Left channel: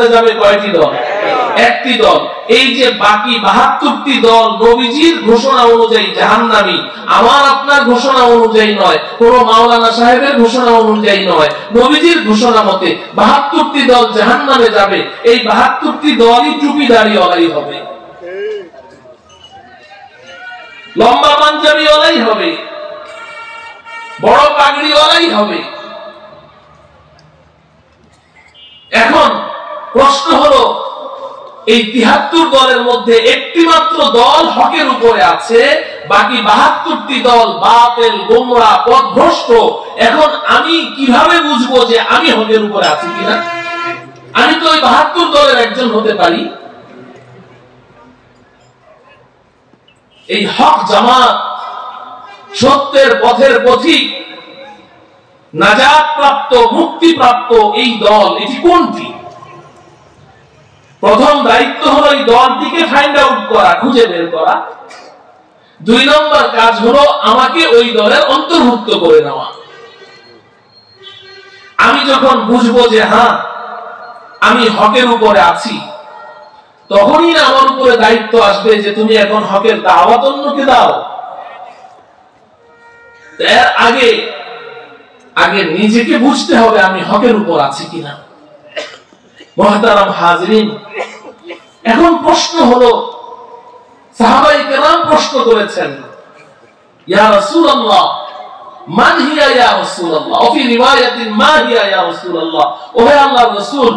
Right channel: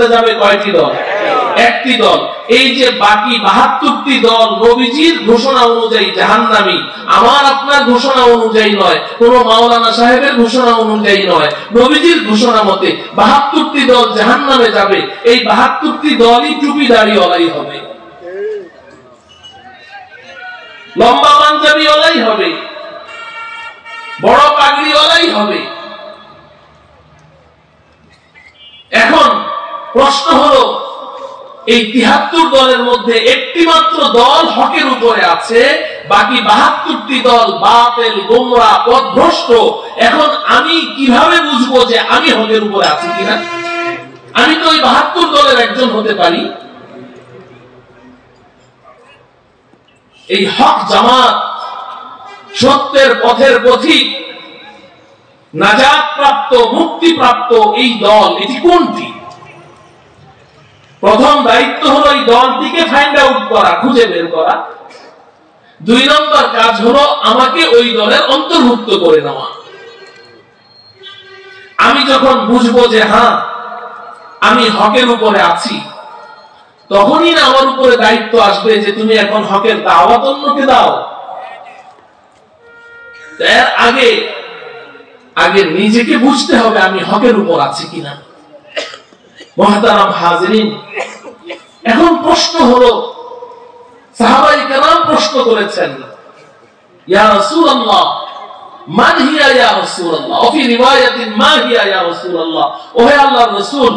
জান্নাতে যাবে কয়টি দল? একটি দল। এই যে বাকি 72টি দল নবীজির ঘোষণা অনুযায়ী জাহান্নামী, আমার আপনার ঘোষণা অনুযায়ী নয়, কোন মাওলানা সাহেবের ঘোষণা অনুযায়ী নয়, নবীজির ঘোষণা মতে 72টি দল জাহান্নামে যাবে। এই 72টি দলই টুপিদারিওয়ালাই হবে, লম্বা পাঞ্জাবিওয়ালাই হবে, বড় পাগড়িওয়ালাই হবে। এখন প্রশ্ন হলো, এই 73 দলের মধ্যে একটি মাত্র দল হকের উপরে আছে, বাকি 72টি দল বাতিল, গোমরা, পথভ্রষ্ট। এখন আমি কিভাবে বুঝবো যে আমি হকের উপরে আছি কিনা? আমি তো ওই 72 দলের একজন হতে পারি। এই হক জামাত, সত্যের পথের পথিক, নাজাত প্রাপ্ত, মুক্তি প্রাপ্ত এই দল, এটি কোনটি? প্রথম দায়িত্ব হলো এই দলটিকে ফাইন্ড আউট করা, খুঁজে বের করা। 2 নম্বর কাজ হলো আমাকে ওই দলের অন্তর্ভুক্ত করে নেওয়া। আমি যখন বুঝবো যে হ্যাঁ আমি হকের উপরে আছি, তখনই না আমার উপরে দায়িত্ব আসবে যে তুমি এখন হকের দাওয়াত অন্যকে দাও। এর আগে নিজেকে বুঝতে হবে আমি হকের উপর আছি কিনা। মুহতারাম হাজিরিন, এখন প্রশ্ন হলো, সাহাবায়ে কেরাম প্রশ্ন করেছেন, ইয়া রাসূলুল্লাহ মান হিয়া ইয়া রাসূলুল্লাহ, ফি রিওয়ায়াতিন মা হিয়া ইয়া রাসূলুল্লাহ, ওহে আল্লাহর রাসূল,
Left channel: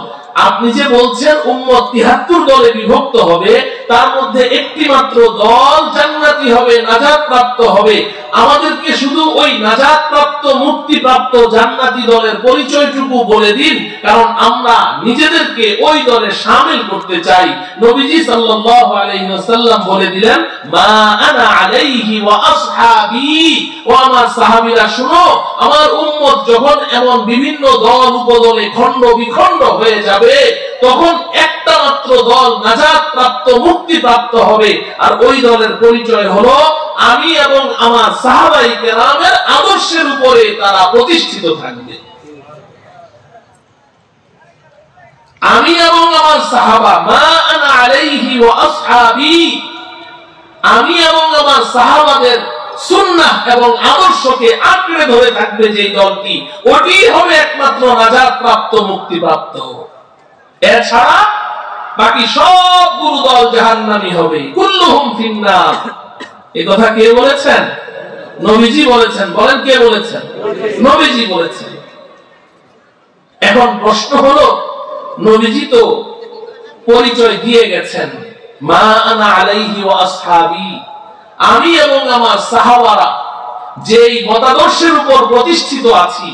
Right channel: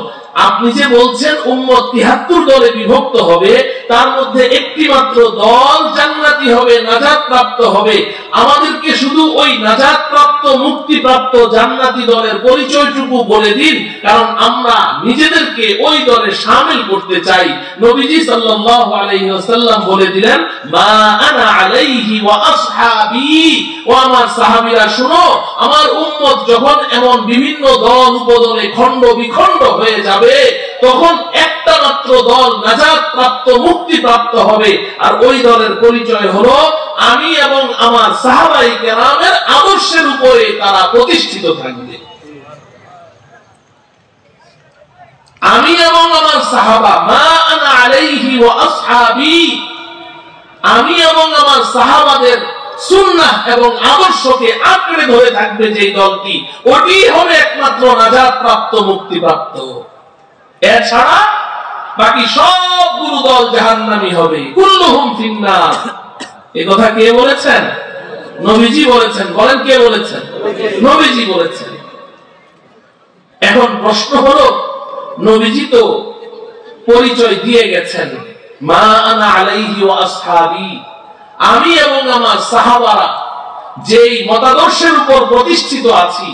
আপনি যে বলছেন উম্মত 73 দলে বিভক্ত হবে, তার মধ্যে একটি মাত্র দল জান্নাতি হবে, নাজাত প্রাপ্ত হবে। আমাদেরকে শুধু ওই নাজাত প্রাপ্ত, মুক্তি প্রাপ্ত জান্নাতি দলের পরিচয়টুকু বলে দিন, কারণ আমরা নিজেদেরকে ওই দলে শামিল করতে চাই। নবীজি সাল্লাল্লাহু আলাইহি ওয়াসাল্লাম বলে দিলেন, মা আনা আলাইহি ওয়া আসহাবি, ও আমার সাহাবীরা শুনো, আমার উম্মত যখন এমন বিভিন্ন দল উপদলে খণ্ড বিখণ্ড হয়ে যাবে, তখন একটা মাত্র দল নাজাত প্রাপ্ত, মুক্তি প্রাপ্ত হবে। আর ওই দলের পরিচয় হলো আমি এবং আমার সাহাবায়ে কেরামের আদর্শের উপরে তারা প্রতিষ্ঠিত থাকবে। আমি এবং আমার সাহাবা, মা আনা আলাইহি ওয়া আসহাবি, আমি এবং আমার সাহাবাদের সুন্নাহ এবং আদর্শকে আঁকড়ে ধরে থাকবে যে দলটি, ওটি হবে একমাত্র নাজাত প্রাপ্ত, মুক্তি প্রাপ্ত। এছাড়া বাকি সবগুলো দল জাহান্নামী হবে, কুল্লুহুম ফিন্নার। এই কথা কে বলেছেন? নবীজি বলেছেন। বলেন কে বলেছেন? নবীজি বলেছেন। এখন প্রশ্ন হলো, নবীজি তো পরিচয় দিয়ে গেছেন, মা আনা আলাইহি ওয়া আসহাবি, আমি এবং আমার সাহাবারা যেই মতাদর্শের উপর প্রতিষ্ঠিত আছি,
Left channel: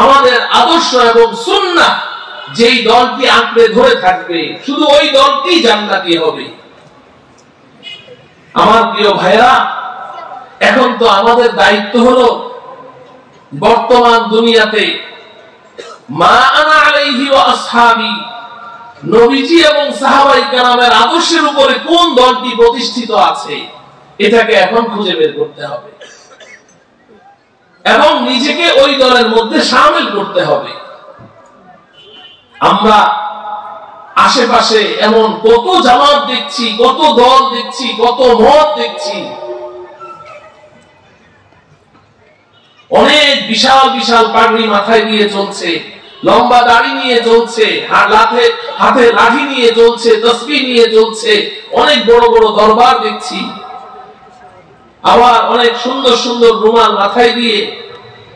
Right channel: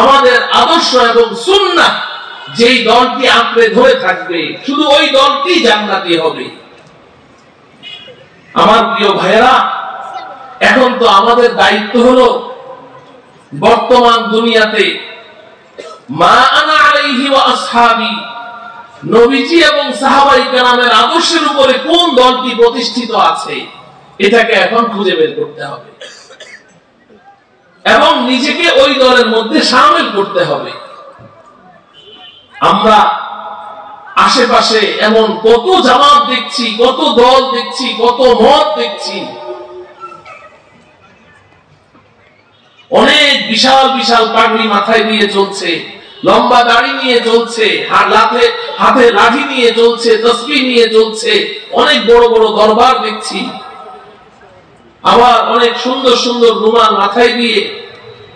আমাদের আদর্শ এবং সুন্নাহ যেই দলটি আঁকড়ে ধরে থাকবে, শুধু ওই দলটি জান্নাতি হবে। আমার প্রিয় ভাইরা, এখন তো আমাদের দায়িত্ব হলো বর্তমান দুনিয়াতে মা আনা আলাইহি ওয়া আসহাবি, নবীজি এবং সাহাবায়ে কেরামের আদর্শের উপরে কোন দলটি প্রতিষ্ঠিত আছে, এটাকে এখন খুঁজে বের করতে হবে এবং নিজেকে ওই দলের মধ্যে শামিল করতে হবে। আমরা আশেপাশে এমন কত জামাত দেখছি, কত দল দেখছি, কত মত দেখছি, অনেক বিশাল বিশাল পাগড়ি মাথায় দিয়ে চলছে, লম্বা দাড়ি নিয়ে চলছে, হাতে লাঠি নিয়ে চলছে, তসবিহ নিয়ে চলছে, অনেক বড় বড় দরবার দেখছি। আবার অনেক সুন্দর সুন্দর রুমাল মাথায় দিয়ে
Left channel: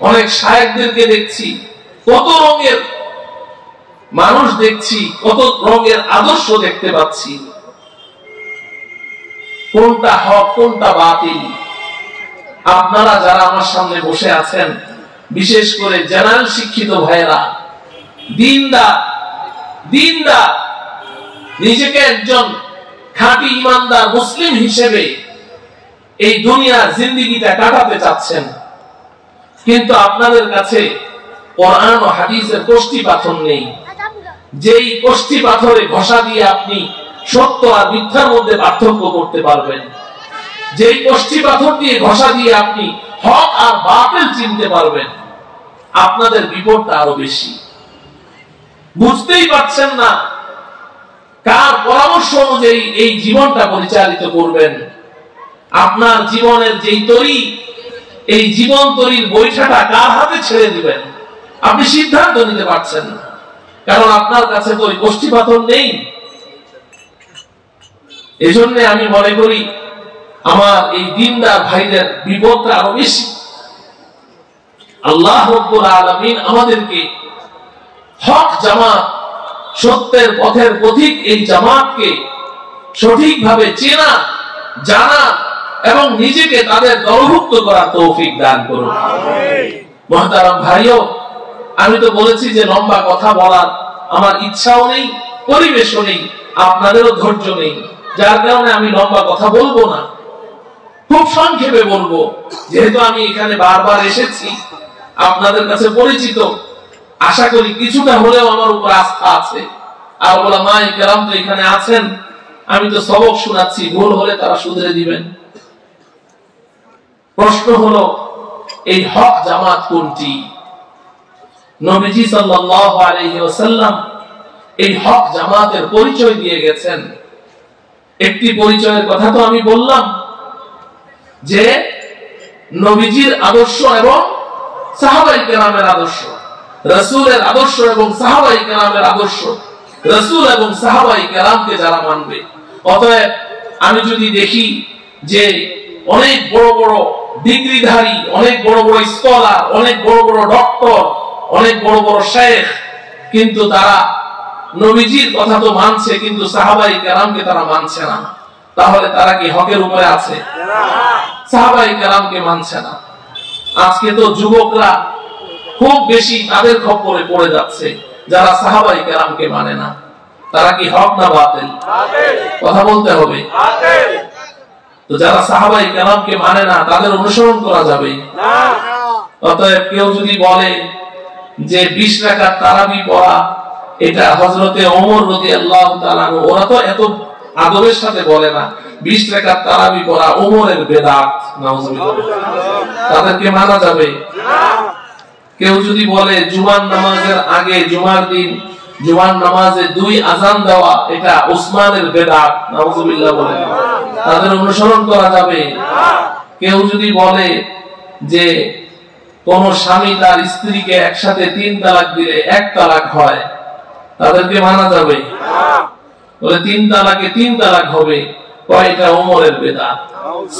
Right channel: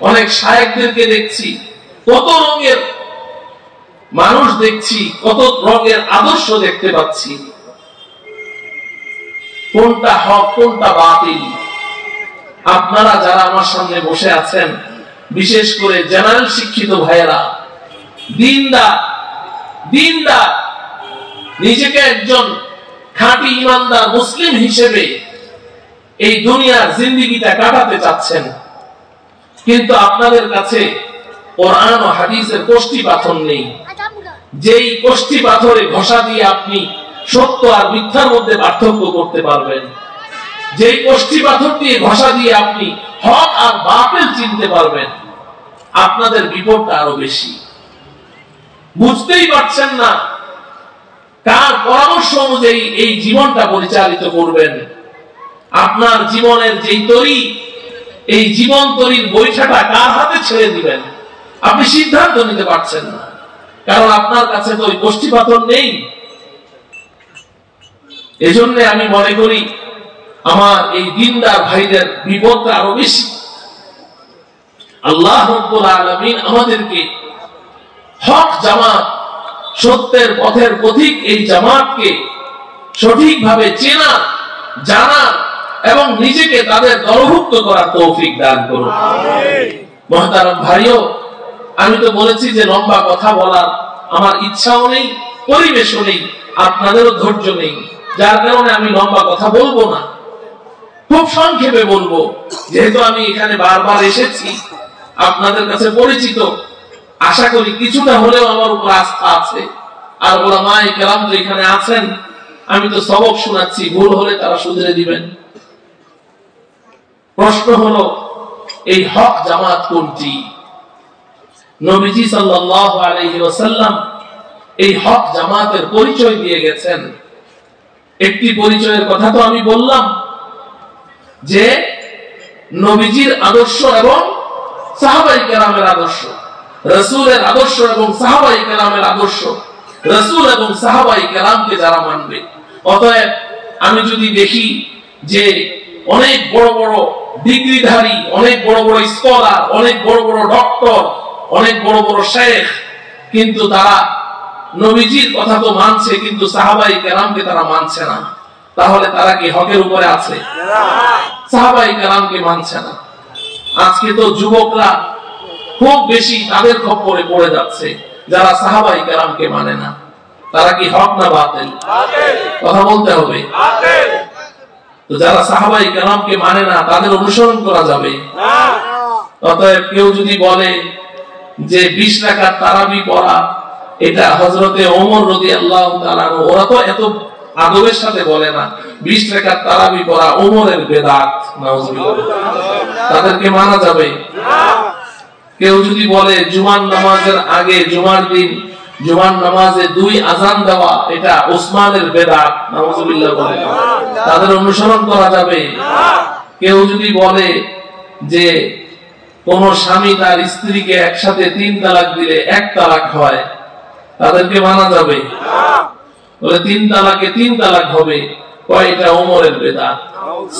অনেক শায়েখদেরকে দেখছি, কত রঙের মানুষ দেখছি, কত রঙের আদর্শ দেখতে পাচ্ছি। কোনটা হক, কোনটা বাতিল? আপনারা যারা আমার সামনে বসে আছেন, বিশেষ করে জেনারেল শিক্ষিত ভাইয়েরা, দিনদার, নিজেকে একজন খাঁটি ইমানদার মুসলিম হিসেবে এই দুনিয়ার জিন্দেগিটা কাটাতে চাচ্ছেন, কিন্তু আপনাদের কাছে কোরআন ও হাদিসের কষ্টি পাথর নেই, যেই কষ্টি পাথরে ঘষা দিয়ে আপনি সত্য আর মিথ্যার মধ্যে পার্থক্য করতে পারবেন, যেই কষ্টি পাথর দিয়ে ঘষা দিয়ে আপনি হক আর বাতিল চিনতে পারবেন, আপনাদের বিপদটা আরো বেশি। বুঝতেই পারছেন না কার পরামর্শ অনুযায়ী এই জীবনটা পরিচালিত করবেন? আপনার জীবনের যেই তরি, এই জীবন তরির বৈঠাটা কার হাতে ছেড়ে দিবেন? আপনি সিদ্ধান্ত নিতে পারছেন না, কারণ আপনার কাছে তো ওই কষ্টি পাথর নেই। এজন্য আমি মনে করি আমার এই দিনদার ভাইদের বিপদটা আরো বেশি। আল্লাহ রাব্বুল আলামিন আমাদেরকে হক জামাত, সত্যের পথের পথিক এই জামাতকে সঠিকভাবে চেনা, জানা এবং নিজেকে তাদের দলভুক্ত করার তৌফিক দান করুন। মুহতারাম ভাইও, আমি তো বলেছি যে লম্বা কথা বলার আমার ইচ্ছাও নেই, পরিবেশও নেই, আপনাদেরও ধৈর্য নেই, যার কারণে আমি লম্বা কথা বলবো না, খুব সংক্ষেপে বলবো। যেহেতু আমি এখানে বারবার এসেছি, আপনাদের কাছে পরিচিত, আশা করি কিছুটা হলেও আমার উপর আস্থা আছে। আর উলামায়ে কেরাম যে এখানে আছেন, আমি তো সবক শোনাচ্ছি, ভুল হলে তারা শুধরে দিবেন। প্রশ্ন হলো, এই হক জামাত কোনটি? নবীজি সাল্লাল্লাহু আলাইহি ওয়াসাল্লাম এই হক জামাতের পরিচয় দিয়ে গেছেন। একটি পরিচয়ের কথা তো আমি বললাম, যে নবীজির আদর্শ এবং সাহাবায়ে কেরামের আদর্শ, রাসূলের আদর্শ এবং সাহাবায়ে কেরামের আদর্শ, রাসূল এবং সাহাবায়ে কেরামকে যারা মানবে। অতএব আমি যদি দেখি যে অনেক বড় বড় ডিগ্রিধারী, অনেক বড় বড় স্কলার, অনেক বড় বড় ডক্টর, অনেক বড় বড় শেখ, কিন্তু তারা নবীজির কথা তো মানছে, কিন্তু সাহাবায়ে কেরামকে তারা মানছে না, তাহলে তারা কি হকের উপরে আছে? সাহাবায়ে কেরামকে মানছে না। আজকে তো যুবকরা খুব বেশি তাদের খপ্পরে পড়ে যাচ্ছে, যারা সাহাবায়ে কেরামকে মানে না। তারা কি হক না বাতিল? কথা বলতে হবে। তো যারা সাহাবায়ে কেরামকে মানে না, তাদের অনুসরণ করা যাবে না। অতএব কেউ যদি বলে যে 20 রাকাত তারাবি পড়া এটা হযরতে ওমর রাদিয়াল্লাহু তাআলা আনহু, ওরা তো এত আদবের সাথে বলে না 20 রাকাত তারাবি পড়া ওমরের বেদাত, নাউজুবিল্লাহ, তাদেরকে মানা যাবে না। কেউ যদি বলে জুমার নামাজের আগে, জুমার দিন জুমার নামাজে 2 আযান দেওয়া এটা ওসমানের বেদাত, নাউজুবিল্লাহ বলে, তাদের অনুসরণ করা যাবে না। কেউ যদি বলে যে কোন স্বামী তার স্ত্রীকে একসাথে 3 তালাক দিলে 1 তালাক হয়, তাদেরকে মানা যাবে না। বলে 3 তালাকে 3 তালাক হবে, কয়টা ওমরের বেদাত।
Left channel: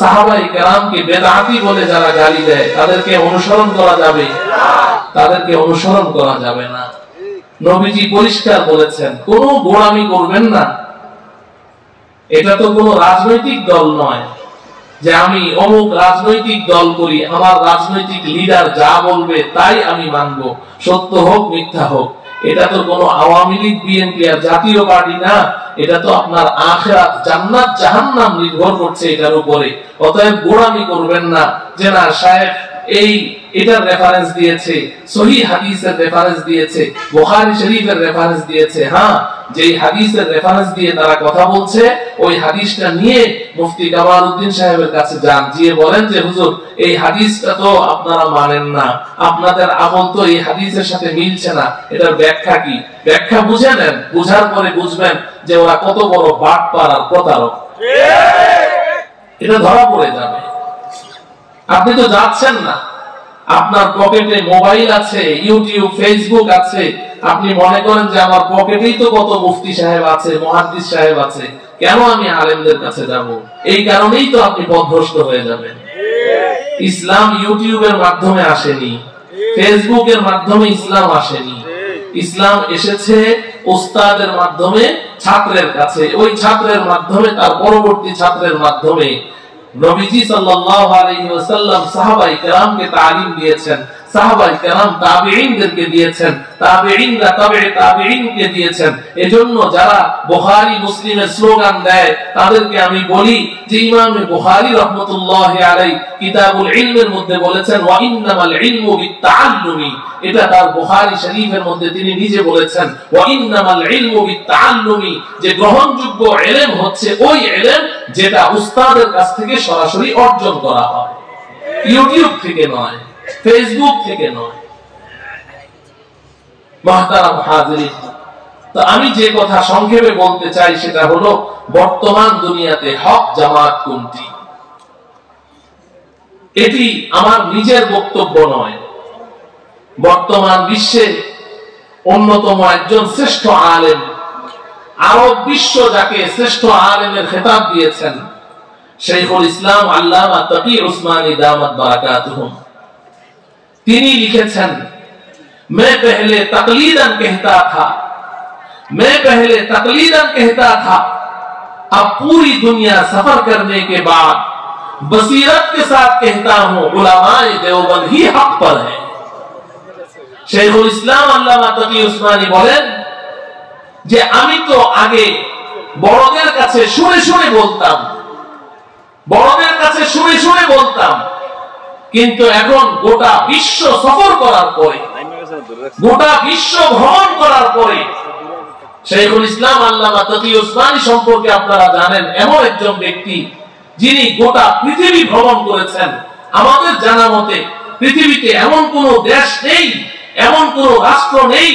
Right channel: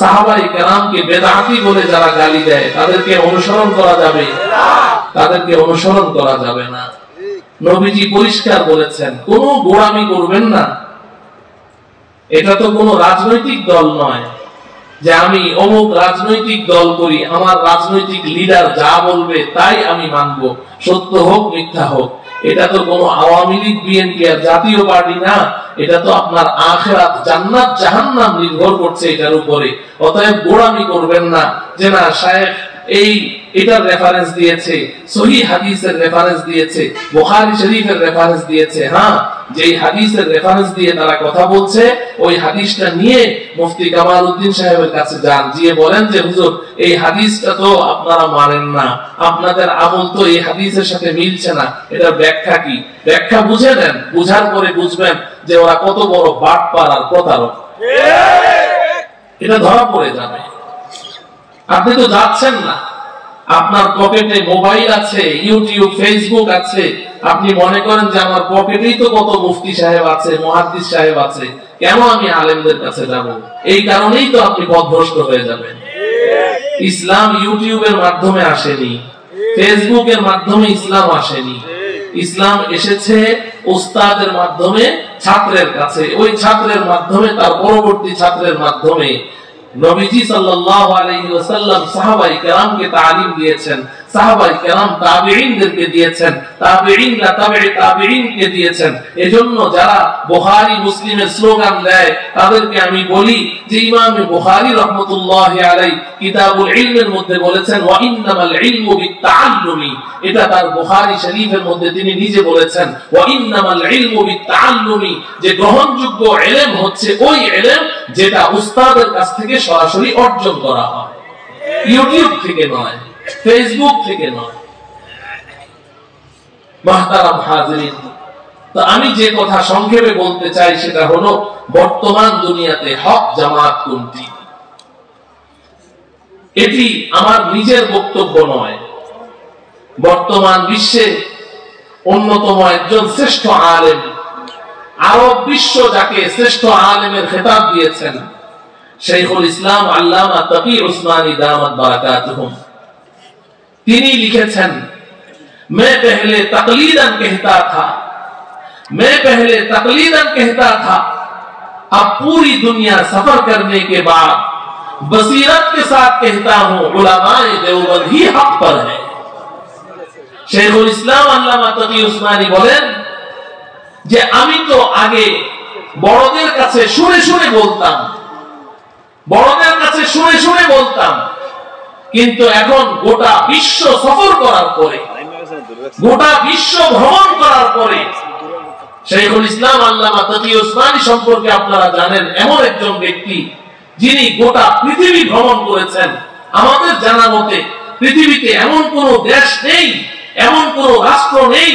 সাহাবায়ে কেরামকে বেদাতি বলে যারা গালি দেয়, তাদেরকে অনুসরণ করা যাবে না, তাদেরকে অনুসরণ করা যাবে না। নবীজি পরিষ্কার বলেছেন, কোনো গোড়ামি করবেন না। এটা তো কোনো রাজনৈতিক দল নয় যে আমি অমুক রাজনৈতিক দল করি, আমার রাজনৈতিক লিডার যা বলবে তাই আমি মানব, সত্য হোক মিথ্যা হোক। এটা তো কোনো আওয়ামী লীগ, বিএনপি আর জাতীয় পার্টি না। এটা তো আপনার আখিরাত, জান্নাত জাহান্নাম নির্ভর করছে এটার উপরে। অতএব গোড়ামি করবেন না যে না শায়েখ এই এটার রেফারেন্স দিয়েছে, সহিহ হাদিসের রেফারেন্স দিয়েছে, বুখারী শরীফের রেফারেন্স দিয়েছে। হ্যাঁ, যেই হাদিসের রেফারেন্স দিয়ে তারা কথা বলছে, ওই হাদিসটা নিয়ে মুফতি কামাল উদ্দিন সাহেবের কাছে যান, গিয়ে বলেন যে হুজুর এই হাদিসটা তো আপনারা মানেন না, আপনাদের আমল তো এই হাদিসের সাথে মিলছে না, এটার ব্যাখ্যা কি? ব্যাখ্যা বুঝে নেন, বুঝার পরে বুঝবেন যে ওরা কত বড় বাটপার আর প্রতারক। এটা ধরা পড়ে যাবে। আপনি তো যাচ্ছেন না, আপনার পকেটে মোবাইল আছে, ইউটিউব, ফেসবুক আছে, আপনি মনে করেন যে আমার পকেটেই তো কত মুফতি সাহেব আছে, মুহাদ্দিস সাহেব আছে, কেন আমি আলেমদের কাছে যাব? এই কারণেই তো আপনি পথভ্রষ্ট হয়ে যাবেন। ইসলাম ইউটিউবের মাধ্যমে আসেনি, ফেসবুকের মাধ্যমে ইসলাম আসেনি। ইসলাম এসেছে উস্তাদের মাধ্যমে, ছাত্রের কাছে, ওই ছাত্রের মাধ্যমে, তার পরবর্তী ছাত্রের মাধ্যমে। নবীজি সাল্লাল্লাহু আলাইহি ওয়াসাল্লাম সাহাবায়ে কেরামকে তালিম দিয়েছেন, সাহাবায়ে কেরাম তাবেঈনদেরকে দিয়েছেন, তাবেঈনরা তাবেঈ তাবেঈনকে দিয়েছেন। এজন্য যারা বুখারী মুসলিমের স্লোগান দেয় তাদেরকে আমি বলি যে ইমাম বুখারী রাহমাতুল্লাহি আলাইহি কিতাবুল ইলমের মধ্যে বলেছেন ওয়া ইন্নামাল ইলমু বিত্তাআল্লুমি, এটা তার বুখারী শরীফের মধ্যে তিনি নিজে বলেছেন ওয়া ইন্নামাল ইলমু বিত্তাআল্লুমি, যে গ্রহণযোগ্য ইলম হচ্ছে ওই ইলম যেটা উস্তাদের কাছ থেকে সরাসরি অর্জন করা হয়, ইউটিউব থেকে নয়, ফেসবুক থেকে নয়। মুহতারাম হাজিরিন, তো আমি যে কথা সংক্ষেপে বলতে চাই সেটা হলো, বর্তমান দুনিয়াতে হক জামাত কোনটি? এটি আমার নিজের বক্তব্য নয়। বর্তমান বিশ্বে অন্যতম একজন শ্রেষ্ঠ আলেম, আরব বিশ্ব যাকে শ্রেষ্ঠ আলেমের খেতাব দিয়েছেন, শাইখুল ইসলাম আল্লামা তাকি উসমানী দামাত বারাকাতুহুম, তিনি লিখেছেন, मैं पहले तकलीदन कहता था, मैं पहले तकलीदन कहता था, अब पूरी दुनिया सफर करने के बाद बसीरत के साथ कहता हूं, उलमाए देवबंद ही हक पर है। শাইখুল ইসলাম আল্লামা তাকি উসমানী বলেন যে আমি তো আগে বড়দের কাছে শুনে শুনে বলতাম, বড়দের কাছে শুনে শুনে বলতাম, কিন্তু এখন গোটা বিশ্ব সফর করার পরে, গোটা বিশ্ব ভ্রমণ করার পরে, শাইখুল ইসলাম আল্লামা তাকি উসমানী সম্পর্কে আপনারা জানেন, এমন একজন ব্যক্তি যিনি গোটা পৃথিবী ভ্রমণ করেছেন। আমাদের জানা মতে পৃথিবীতে এমন কোন দেশ নেই, এমন কোন রাষ্ট্র নেই